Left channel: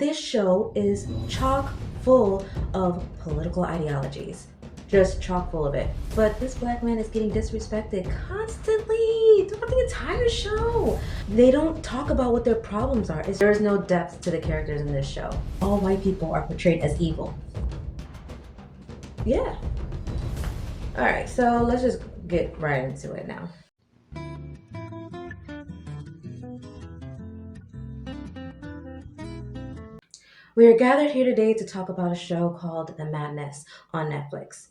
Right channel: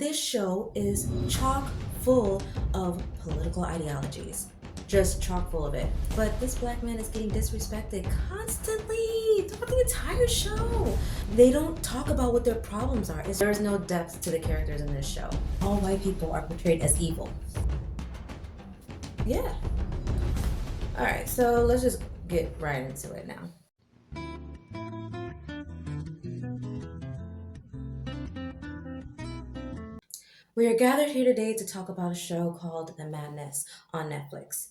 This show is chock full of political ideologies. Just chock full of it. But this black man is getting disrespected constantly throughout the entire show. They don't talk about what their problems are. There is no depth to the characters in this show. All white people are portrayed as evil. Yeah. Alright, so let's just get right into it now. We are gathered here today to talk about a show called The Madness on Netflix.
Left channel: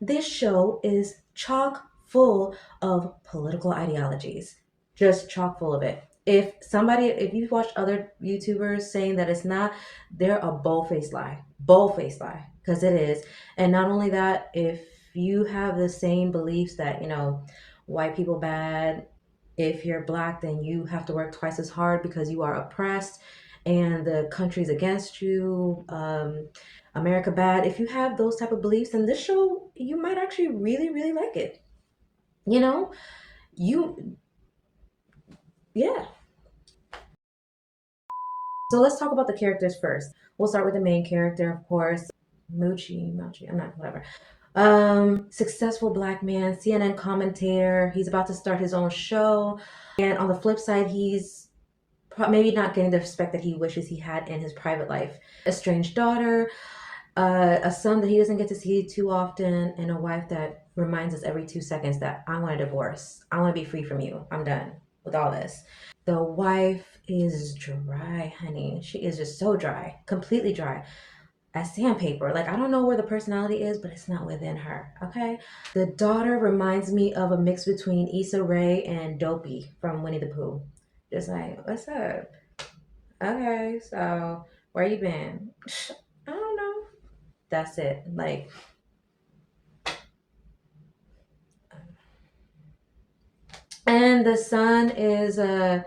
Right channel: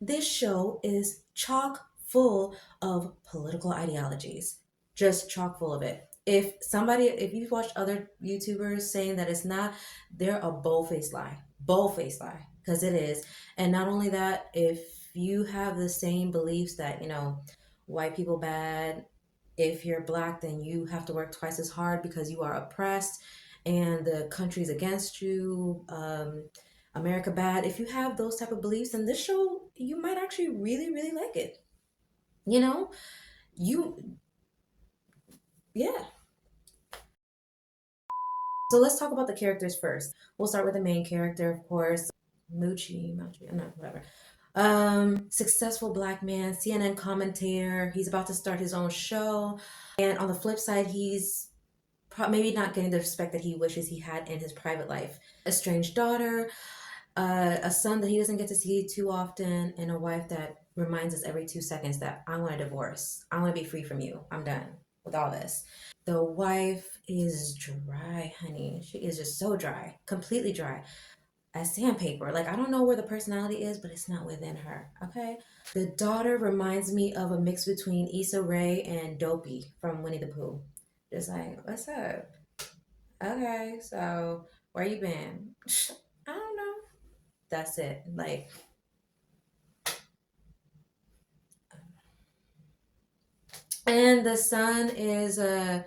This show is chock full of political ideologies, just chock full of it. If you've watched other YouTubers saying that it's not, they're a bold-faced lie, because it is. And not only that, if you have the same beliefs that, white people bad, if you're black, then you have to work twice as hard because you are oppressed and the country's against you, America bad. If you have those type of beliefs, then this show, you might actually really, really like it. You know, you, yeah. So let's talk about the characters first. We'll start with the main character, of course, Moochie, I'm not, whatever. Successful black man, CNN commentator. He's about to start his own show. And on the flip side, he's maybe not getting the respect that he wishes he had in his private life. Estranged daughter, a son that he doesn't get to see too often, and a wife that reminds us every 2 seconds that I want a divorce. I want to be free from you. I'm done with all this. The wife is dry, honey. She is just so dry, completely dry. As sandpaper. Like, I don't know where the personality is, but it's not within her, okay? The daughter reminds me of a mix between Issa Rae and Dopey from Winnie the Pooh. Just like, what's up? Okay, so where you been? I don't know. That's it. Like, and the son is a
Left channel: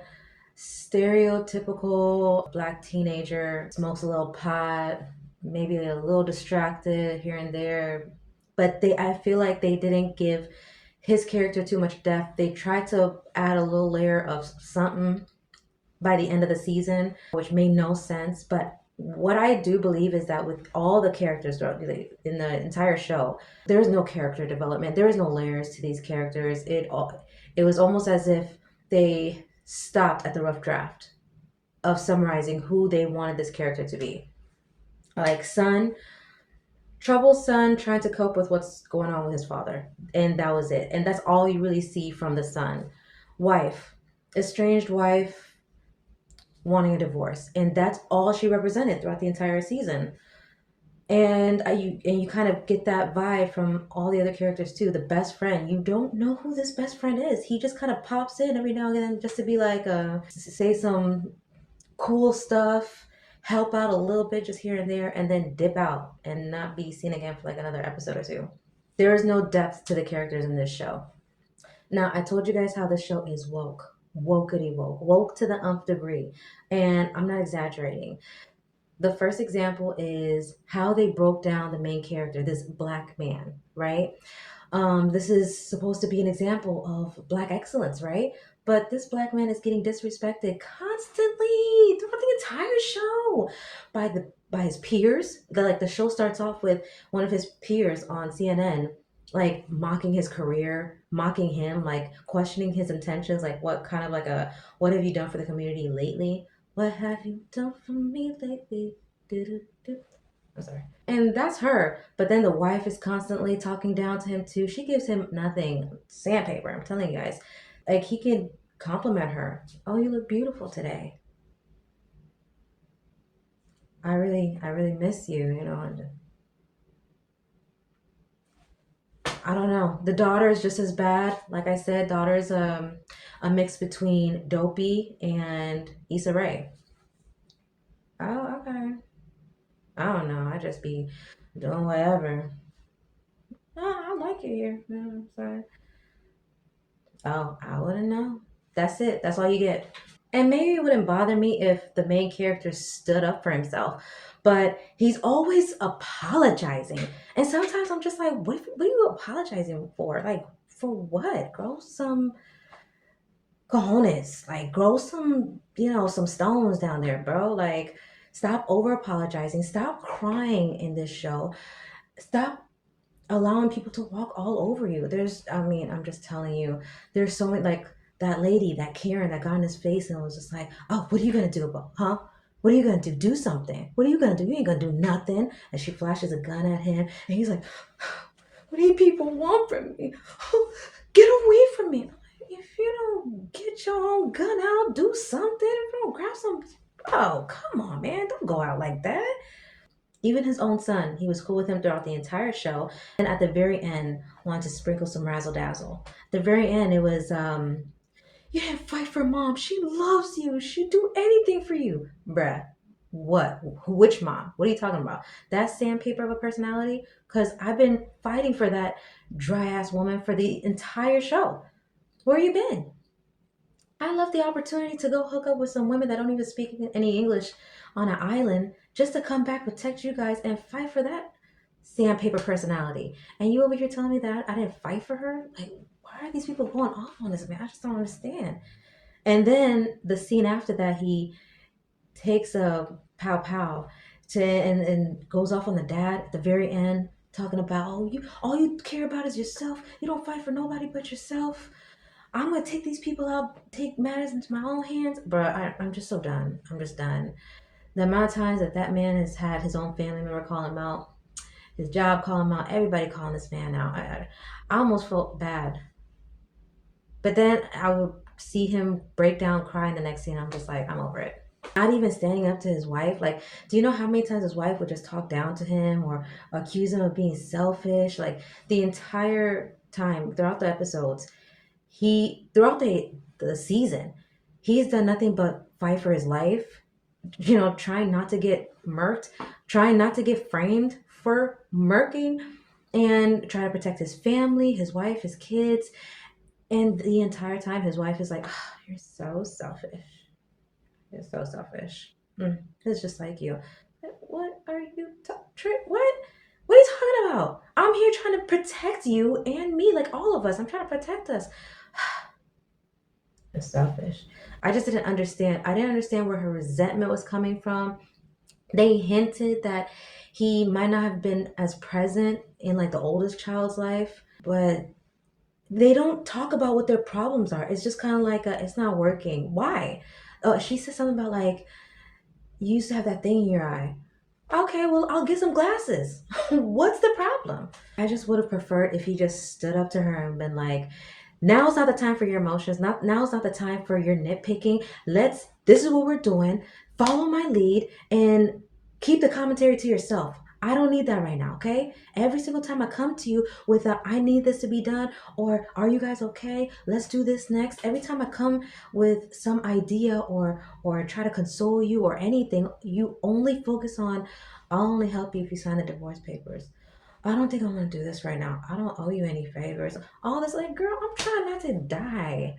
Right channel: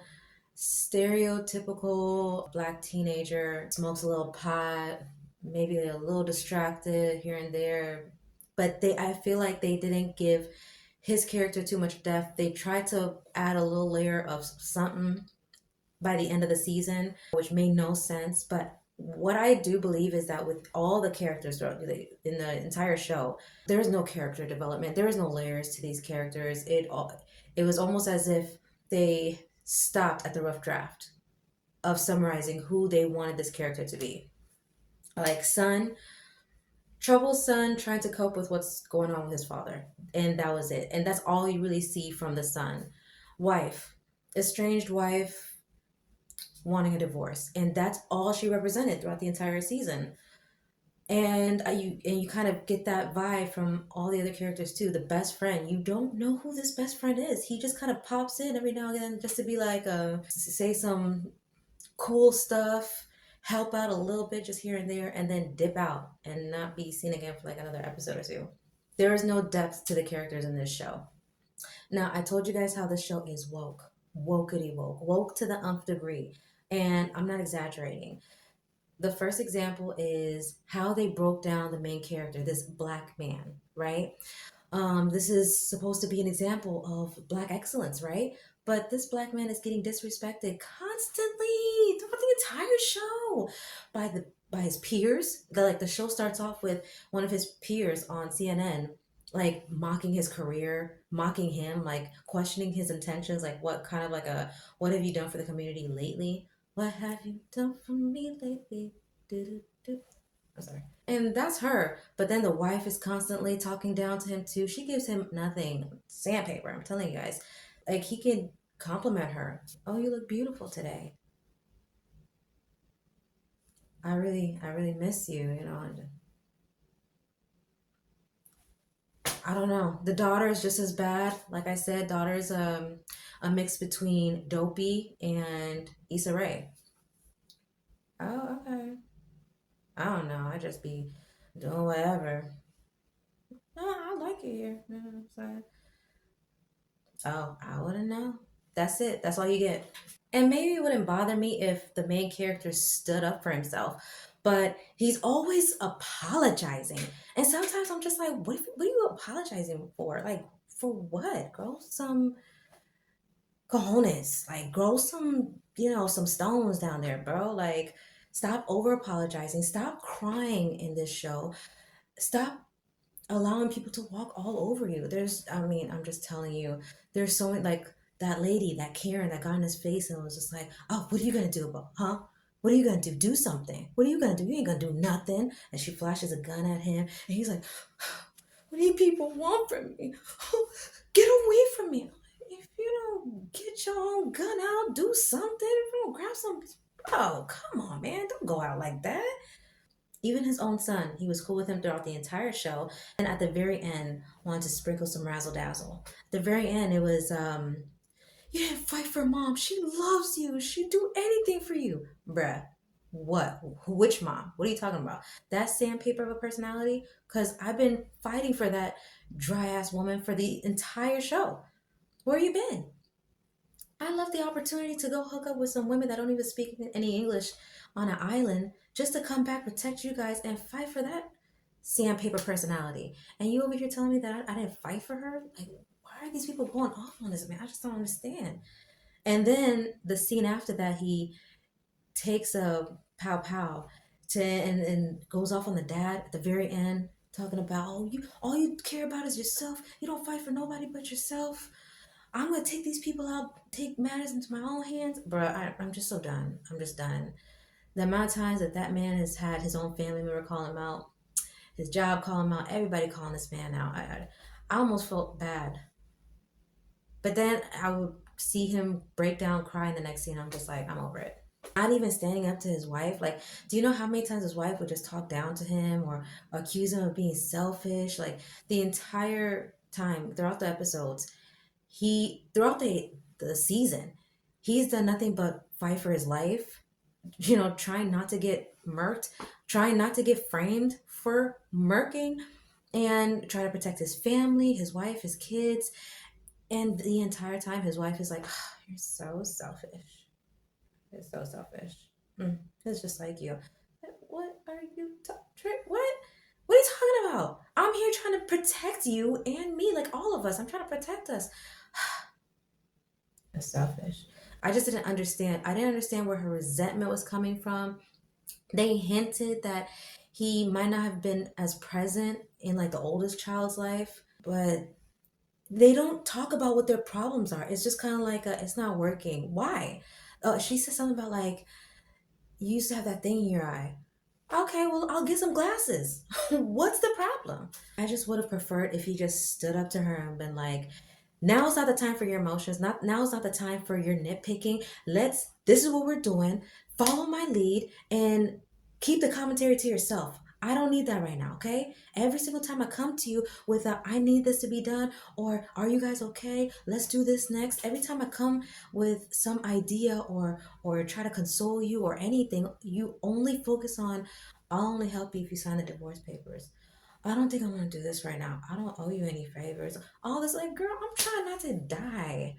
stereotypical black teenager, smokes a little pot, maybe a little distracted here and there. But I feel like they didn't give his character too much depth. They tried to add a little layer of something by the end of the season, which made no sense. But what I do believe is that with all the characters throughout in the entire show, there's no character development. There is no layers to these characters. It was almost as if they stopped at the rough draft of summarizing who they wanted this character to be. Like son, troubled son trying to cope with what's going on with his father, and that was it. And that's all you really see from the son. Wife, estranged wife, wanting a divorce, and that's all she represented throughout the entire season. And you kind of get that vibe from all the other characters too. The best friend, you don't know who this best friend is. He just kind of pops in every now and then just to be like, say some cool stuff, help out a little bit just here and there, and then dip out and not be seen again for like another episode or two. There is no depth to the characters in this show. Now, I told you guys how this show is wokeity woke to the nth degree, and I'm not exaggerating. The first example is how they broke down the main character, this black man, right? This is supposed to be an example of black excellence, right? But this black man is getting disrespected constantly throughout the entire show by his peers. The show starts off with one of his peers on CNN like mocking his career, mocking him, like questioning his intentions, like what have you done for the community lately? What have you done for me lately? Do-do-do. I'm sorry. And that's her. But then the wife is constantly talking down to him too. She gives him nothing. Sandpaper, I'm telling you guys. Like he can compliment her. Oh, you look beautiful today. I really miss you, And I don't know. The daughter is just as bad. Like I said, daughter is a mix between Dopey and Issa Rae. Oh, okay. I don't know. I just be doing whatever. Oh, I like it here. You know what I'm saying? Oh, I wouldn't know. That's it. That's all you get. And maybe it wouldn't bother me if the main character stood up for himself, but he's always apologizing. And sometimes I'm just like, what are you apologizing for? Like, for what? Grow some cojones. Like, grow some, some stones down there, bro. Like, Stop over apologizing. Stop crying in this show. Stop allowing people to walk all over you. I'm just telling you, there's so many, like that lady, that Karen that got in his face and was just like, oh, what are you gonna do about, huh? What are you gonna do? Do something. What are you gonna do? You ain't gonna do nothing. And she flashes a gun at him, and he's like, what do you people want from me? Get away from me. If you don't get your own gun out, do something. If you don't grab some, oh, come on, man. Don't go out like that. Even his own son, he was cool with him throughout the entire show. And at the very end, wanted to sprinkle some razzle dazzle. At the very end, it was, you didn't fight for mom. She loves you. She'd do anything for you. Bruh, what? Which mom? What are you talking about? That sandpaper of a personality? Because I've been fighting for that dry ass woman for the entire show. Where you been? I love the opportunity to go hook up with some women that don't even speak any English on an island just to come back, protect you guys, and fight for that sandpaper personality. And you over here telling me that I didn't fight for her? Like, why are these people going off on this man? I just don't understand. And then the scene after that, he takes a pow pow and goes off on the dad at the very end, talking about, oh, you all you care about is yourself. You don't fight for nobody but yourself. I'm gonna take these people out, take matters into my own hands. Bro, I'm just so done. I'm just done. The amount of times that man has had his own family member call him out, his job call him out, everybody calling this man out. I almost felt bad. But then I would see him break down crying the next scene. I'm just like, I'm over it. Not even standing up to his wife. Like, do you know how many times his wife would just talk down to him or accuse him of being selfish? Like, the entire time throughout the episodes, throughout the season, he's done nothing but fight for his life, trying not to get murked, trying not to get framed for murking, and try to protect his family, his wife, his kids. And the entire time his wife is like, oh, you're so selfish. You're so selfish. It's just like you. What are you what are you talking about? I'm here trying to protect you and me, like all of us. I'm trying to protect us. It's selfish. I just didn't understand. I didn't understand where her resentment was coming from. They hinted that he might not have been as present in like the oldest child's life, but they don't talk about what their problems are. It's just kind of like it's not working. Why? She said something about like, you used to have that thing in your eye. Okay, well, I'll get some glasses. What's the problem? I just would have preferred if he just stood up to her and been like, now is not the time for your emotions. Now is not the time for your nitpicking. This is what we're doing. Follow my lead and keep the commentary to yourself. I don't need that right now, okay? Every single time I come to you with I need this to be done, or are you guys okay? Let's do this next. Every time I come with some idea or try to console you or anything, you only focus on, I'll only help you if you sign the divorce papers. I don't think I'm gonna do this right now. I don't owe you any favors. All this, like, girl, I'm trying not to die.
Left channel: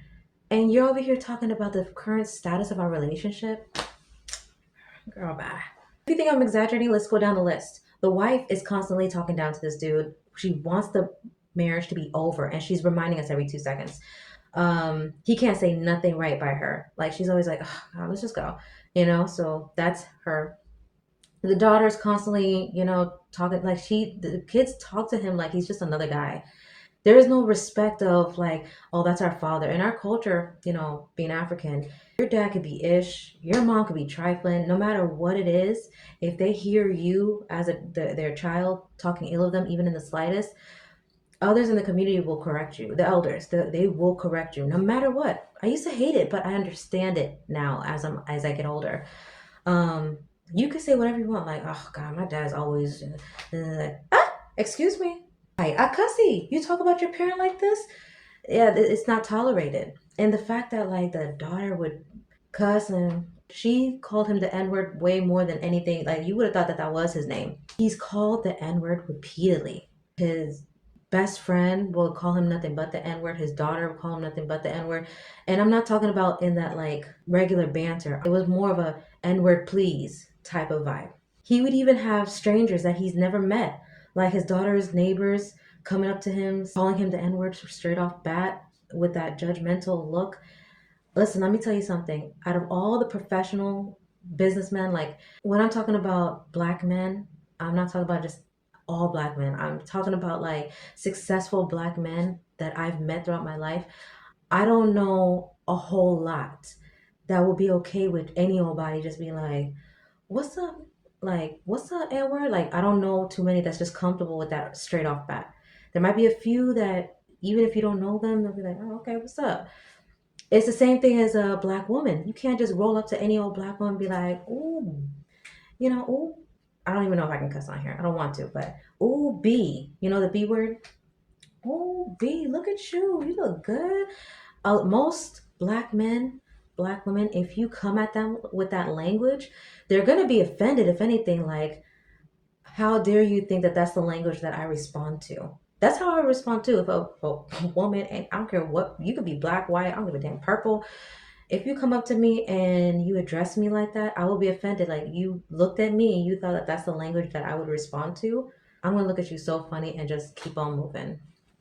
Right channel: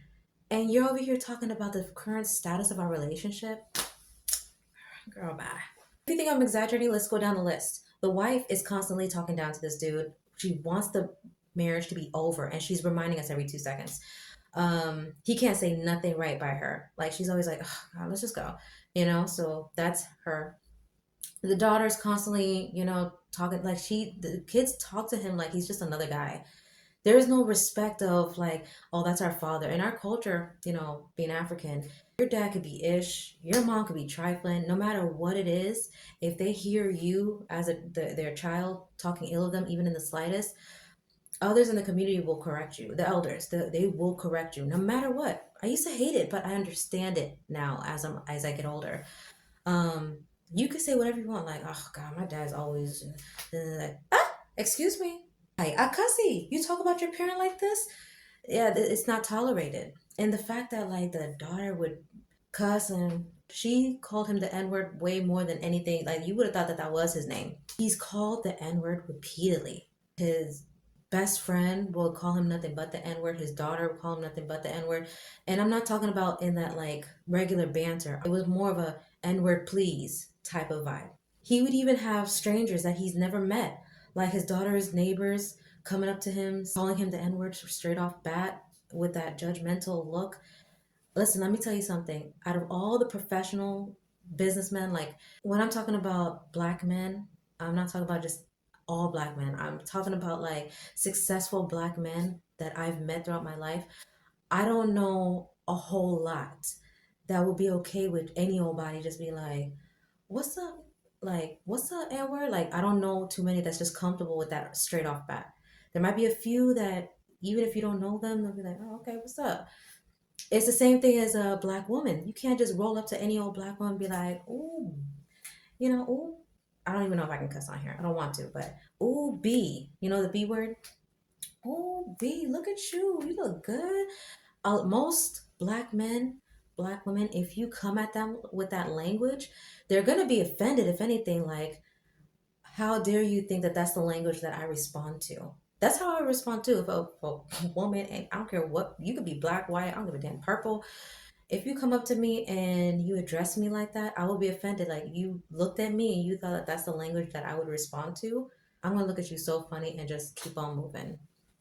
And you're over here talking about the current status of our relationship. Girl, bye. If you think I'm exaggerating, let's go down the list. The wife is constantly talking down to this dude. She wants the marriage to be over, and she's reminding us every 2 seconds. He can't say nothing right by her. Like, she's always like, oh, God, let's just go. So that's her. The daughter's constantly, talking like the kids talk to him like he's just another guy. There is no respect of like, oh, that's our father. In our culture, being African, your dad could be ish, your mom could be trifling. No matter what it is, if they hear you as their child talking ill of them, even in the slightest, others in the community will correct you. The elders, they will correct you, no matter what. I used to hate it, but I understand it now as I get older. You can say whatever you want, like, oh God, my dad's always excuse me. I cussy. You talk about your parent like this? Yeah, it's not tolerated. And the fact that like the daughter would cuss, and she called him the N-word way more than anything. Like, you would have thought that was his name. He's called the N-word repeatedly. His best friend will call him nothing but the N-word. His daughter will call him nothing but the N-word. And I'm not talking about in that like regular banter. It was more of a N-word please type of vibe. He would even have strangers that he's never met, like his daughter's neighbors coming up to him, calling him the N-word straight off bat with that judgmental look. Listen, let me tell you something. Out of all the professional businessmen. Like when I'm talking about black men, I'm not talking about just all black men. I'm talking about like successful black men that I've met throughout my life. I don't know a whole lot that will be okay with any old body just being like, what's up? Like, what's up, N word? Like, I don't know too many that's just comfortable with that straight off bat. There might be a few that, even if you don't know them, they'll be like, oh, okay, what's up? It's the same thing as a black woman. You can't just roll up to any old black woman and be like, ooh, ooh. I don't even know if I can cuss on here. I don't want to, but ooh, B. You know the B word? Ooh, B, look at you. You look good. Most black men, black women, if you come at them with that language, they're going to be offended. If anything, like, how dare you think that that's the language that I respond to? That's how I respond to if a woman, and I don't care what, you could be black, white, I don't give a damn, purple. If you come up to me and you address me like that, I will be offended. Like, you looked at me and you thought that that's the language that I would respond to. I'm going to look at you so funny and just keep on moving.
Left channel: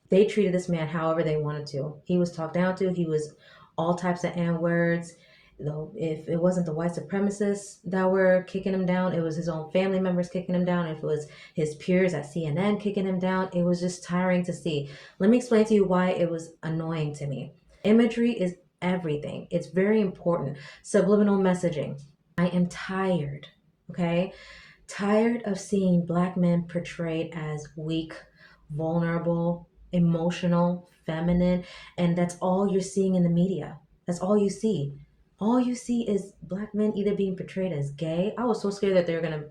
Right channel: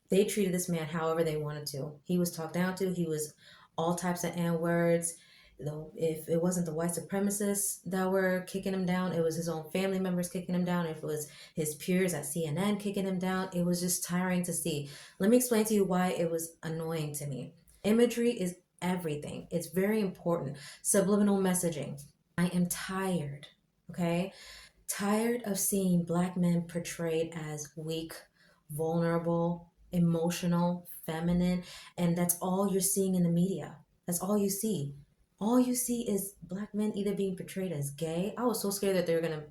They treated this man however they wanted to. He was talked down to. He was all types of N words. Though if it wasn't the white supremacists that were kicking him down, it was his own family members kicking him down. If it was his peers at CNN kicking him down, it was just tiring to see. Let me explain to you why it was annoying to me. Imagery is everything. It's very important. Subliminal messaging. I am tired, okay? Tired of seeing black men portrayed as weak, vulnerable, emotional, feminine, and that's all you're seeing in the media. That's all you see. All you see is black men either being portrayed as gay. I was so scared that they were gonna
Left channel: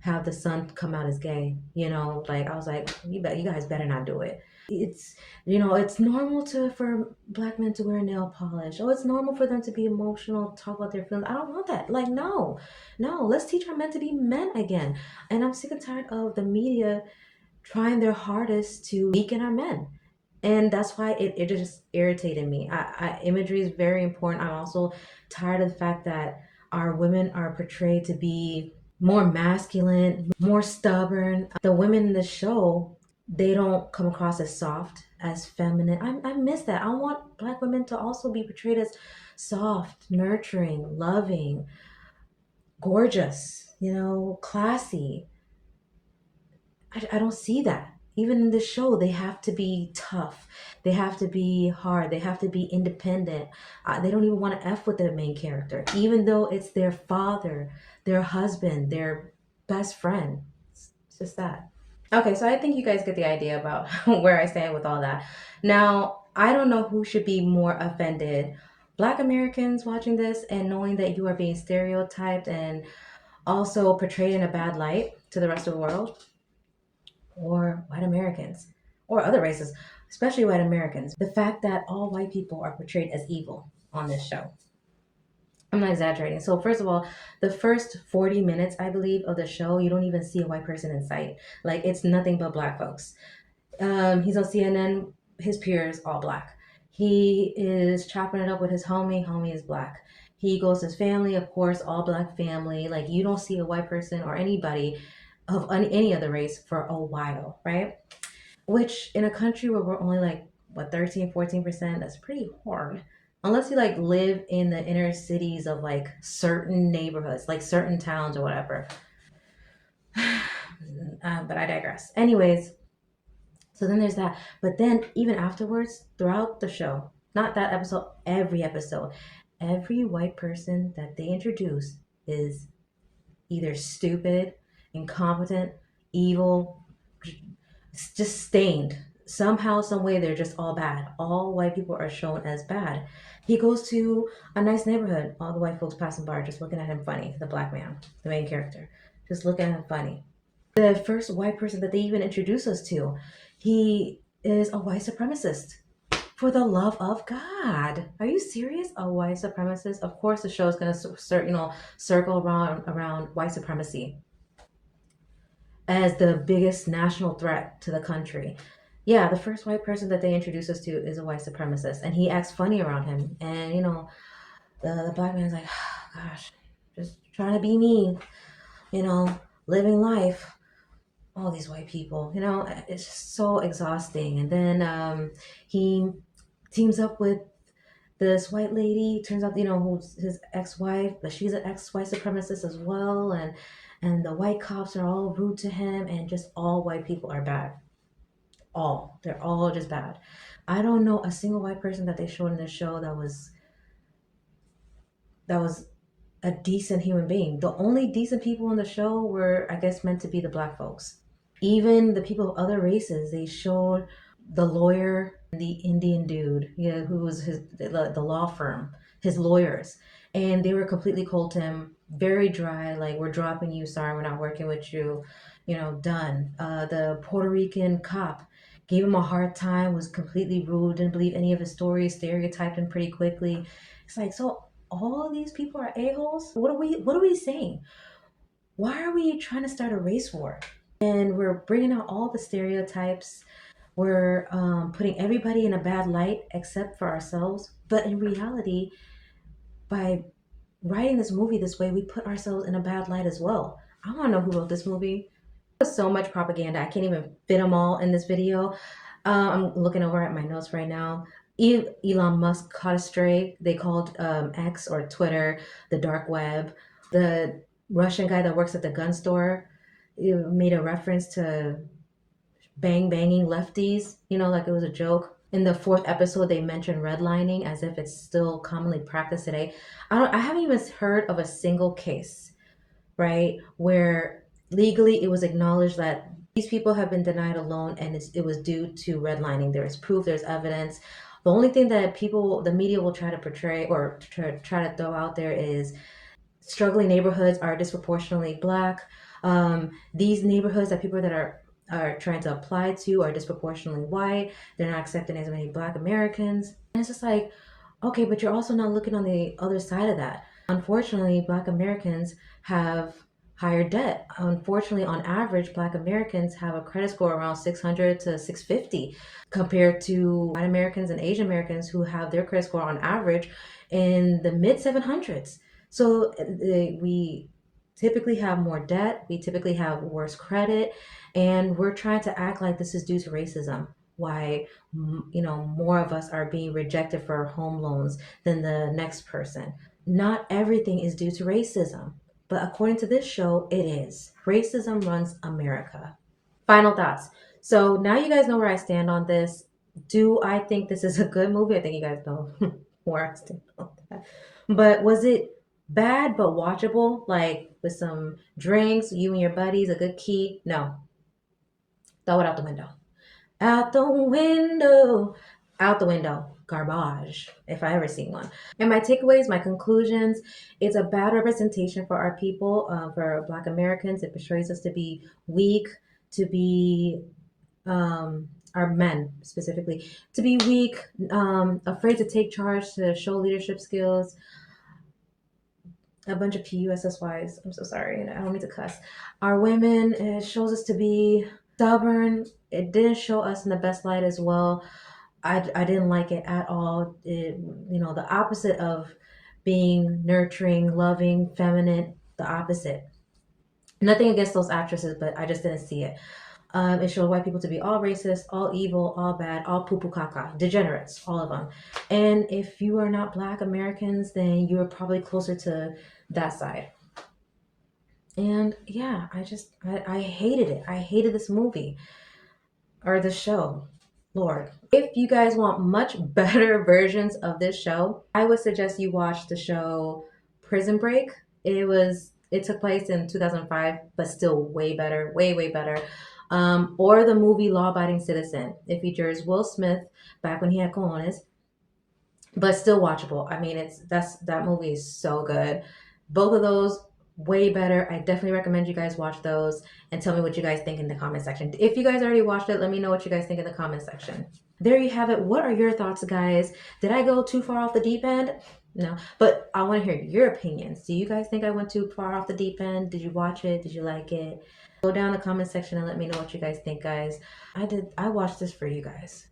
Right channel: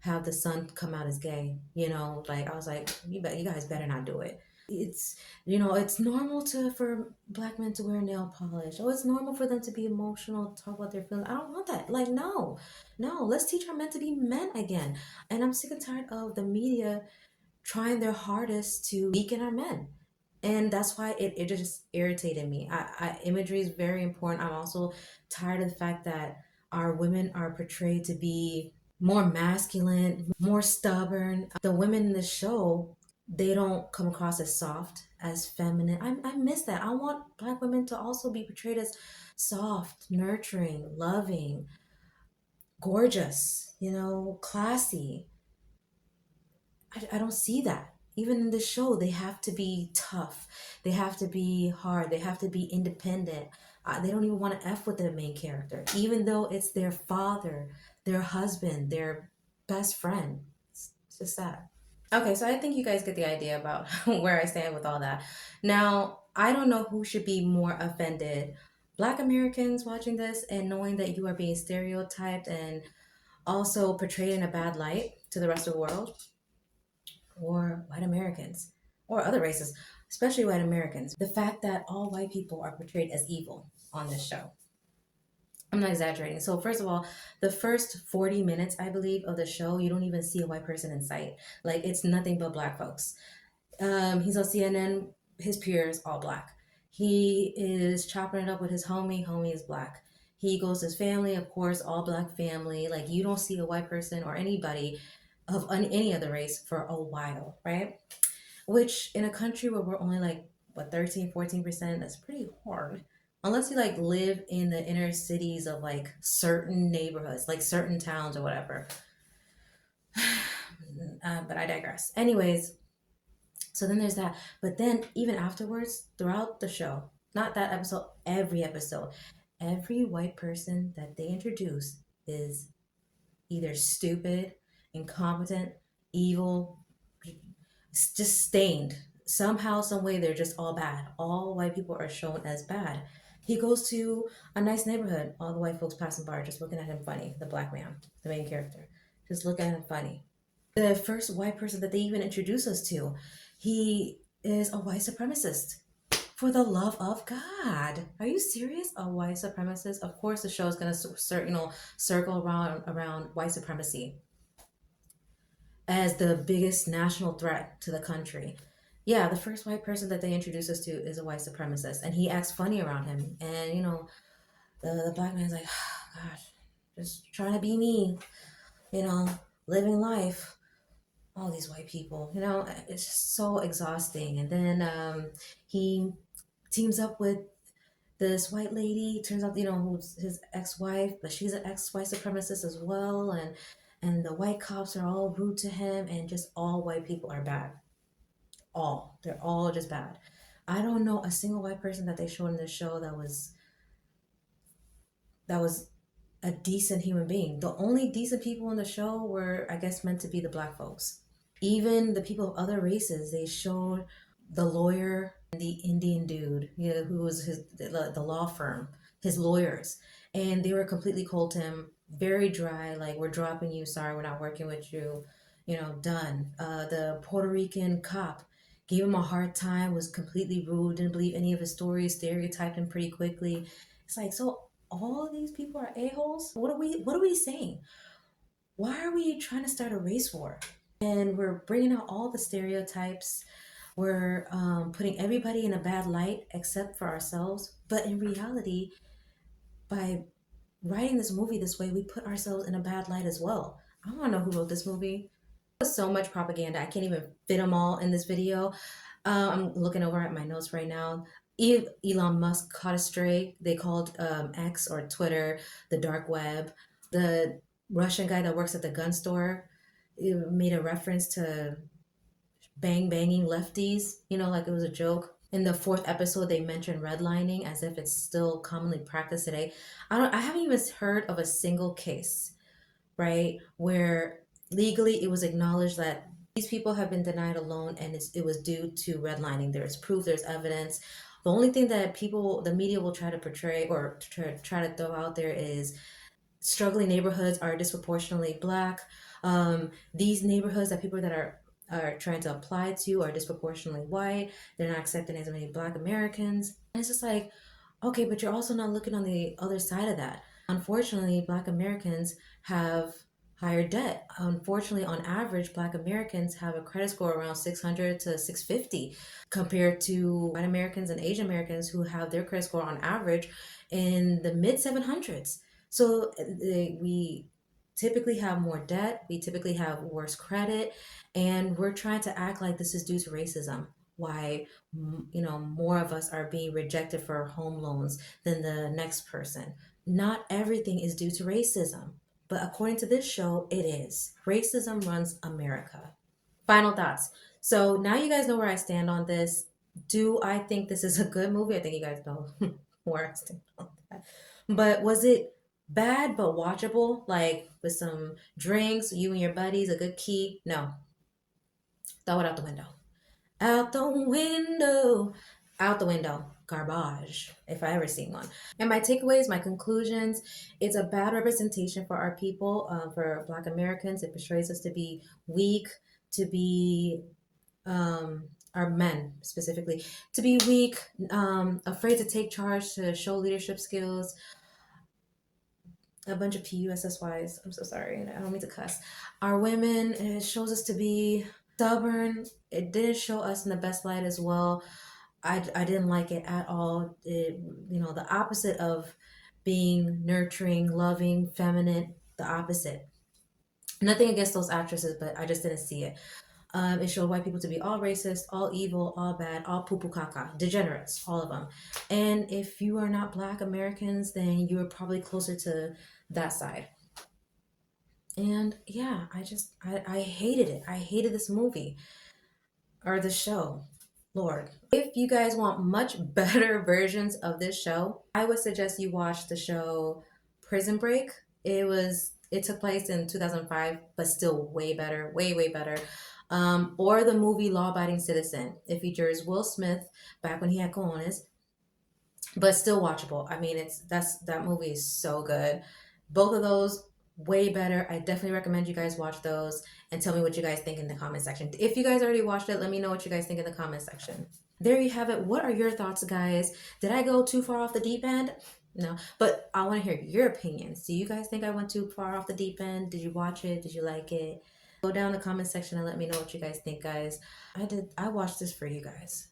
have the son come out as gay. Like I was like, you guys better not do it. It's it's normal for black men to wear nail polish. Oh, it's normal for them to be emotional, talk about their feelings. I don't want that. Like, no, no, let's teach our men to be men again. And I'm sick and tired of the media trying their hardest to weaken our men. And that's why it just irritated me. Imagery is very important. I'm also tired of the fact that our women are portrayed to be more masculine, more stubborn. The women in the show, they don't come across as soft, as feminine. I miss that. I want black women to also be portrayed as soft, nurturing, loving, gorgeous, classy. I don't see that. Even in the show, they have to be tough. They have to be hard. They have to be independent. They don't even want to F with the main character, even though it's their father, their husband, their best friend. It's just sad. Okay, so I think you guys get the idea about where I stand with all that. Now, I don't know who should be more offended. Black Americans watching this and knowing that you are being stereotyped and also portrayed in a bad light to the rest of the world, or white Americans, or other races, especially white Americans. The fact that all white people are portrayed as evil on this show. I'm not exaggerating. So, first of all, the first 40 minutes, I believe, of the show, you don't even see a white person in sight. Like, it's nothing but black folks. He's on CNN, his peers, all black. He is chopping it up with his homie is black. He goes to his family, of course, all black family. Like, you don't see a white person or anybody of any other race for a while, right? Which in a country where we're only like, what, 13, 14%, that's pretty hard. Unless you like live in the inner cities of like certain neighborhoods, like certain towns or whatever. But I digress. Anyways, so then there's that. But then even afterwards, throughout the show, not that episode, every white person that they introduce is either stupid, incompetent, evil, just stained. Somehow, some way, they're just all bad. All white people are shown as bad. He goes to a nice neighborhood. All the white folks passing by are just looking at him funny. The black man, the main character, just looking at him funny. The first white person that they even introduce us to, he is a white supremacist. For the love of God, are you serious? A white supremacist? Of course, the show is gonna circle around white supremacy as the biggest national threat to the country. Yeah, the first white person that they introduce us to is a white supremacist, and he acts funny around him. And the black man's like, oh, gosh, just trying to be me, living life. All these white people, it's just so exhausting. And then he teams up with this white lady turns out, who's his ex-wife, but she's an ex-white supremacist as well, and the white cops are all rude to him, and just all white people are bad. They're all just bad. I don't know a single white person that they showed in this show that was a decent human being. The only decent people in the show were, I guess, meant to be the black folks. Even the people of other races, they showed the lawyer, the Indian dude, yeah, who was the law firm, his lawyers, and they were completely cold to him, very dry, like, we're dropping you, sorry, we're not working with you, done. The Puerto Rican cop gave him a hard time, was completely rude, didn't believe any of his stories, stereotyped him pretty quickly. It's like, so all these people are a-holes? What are we saying? Why are we trying to start a race war? And we're bringing out all the stereotypes. We're putting everybody in a bad light except for ourselves. But in reality, by writing this movie this way, we put ourselves in a bad light as well. I want to know who wrote this movie. There's so much propaganda. I can't even fit them all in this video. I'm looking over at my notes right now. Elon Musk caught a stray. They called X, or Twitter, the dark web. The Russian guy that works at the gun store made a reference to banging lefties, like it was a joke. In the fourth episode, they mentioned redlining as if it's still commonly practiced today. I haven't even heard of a single case, right, where legally it was acknowledged that these people have been denied a loan and it was due to redlining. There's proof, there's evidence. The only thing that the media will try to portray or try to throw out there is struggling neighborhoods are disproportionately black. These neighborhoods that people that are trying to apply to are disproportionately white. They're not accepting as many black Americans. And it's just like, okay, but you're also not looking on the other side of that. Unfortunately, black Americans have higher debt. Unfortunately, on average, black Americans have a credit score around 600 to 650 compared to white Americans and Asian Americans who have their credit score on average in the mid 700s. So we typically have more debt, we typically have worse credit, and we're trying to act like this is due to racism. Why, more of us are being rejected for home loans than the next person. Not everything is due to racism, but according to this show, it is. Racism runs America. Final thoughts. So now you guys know where I stand on this. Do I think this is a good movie? I think you guys know where I stand on that. But was it bad but watchable? Like with some drinks, you and your buddies, a good key? No. Throw it out the window. Out the window. Out the window. Garbage, if I ever see one. And my takeaways, my conclusions, it's a bad representation for our people, for Black Americans. It portrays us to be weak, to be our men specifically, to be weak, afraid to take charge, to show leadership skills. A bunch of PUSSYs. I'm so sorry. I don't mean to cuss. Our women, it shows us to be stubborn. It didn't show us in the best light as well. I didn't like it at all. The opposite of being nurturing, loving, feminine, the opposite. Nothing against those actresses, but I just didn't see it. It showed white people to be all racist, all evil, all bad, all poo poo caca, degenerates, all of them. And if you are not Black Americans, then you are probably closer to that side. And yeah, I hated it. I hated this movie or this show. Lord. If you guys want much better versions of this show, I would suggest you watch the show Prison Break. It took place in 2005, but still way better, way, way better. Or the movie Law Abiding Citizen. It features Will Smith back when he had cojones, but still watchable. I mean, that movie is so good. Both of those way better. I definitely recommend you guys watch those and tell me what you guys think in the comment section. If you guys already watched it, let me know what you guys think in the comment section. There you have it. What are your thoughts, guys? Did I go too far off the deep end? No, but I want to hear your opinions. Do you guys think I went too far off the deep end? Did you watch it? Did you like it? Go down in the comment section and let me know what you guys think, guys. I watched this for you guys.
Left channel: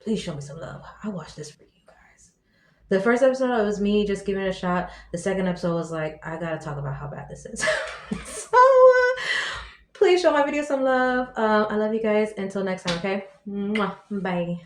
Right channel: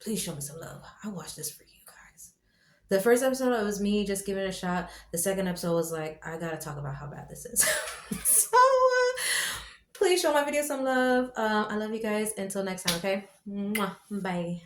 Please show me some love. I watched this for you guys. The first episode, it was me just giving it a shot. The second episode was like, I gotta talk about how bad this is. So, please show my video some love. I love you guys. Until next time, okay? Mwah. Bye.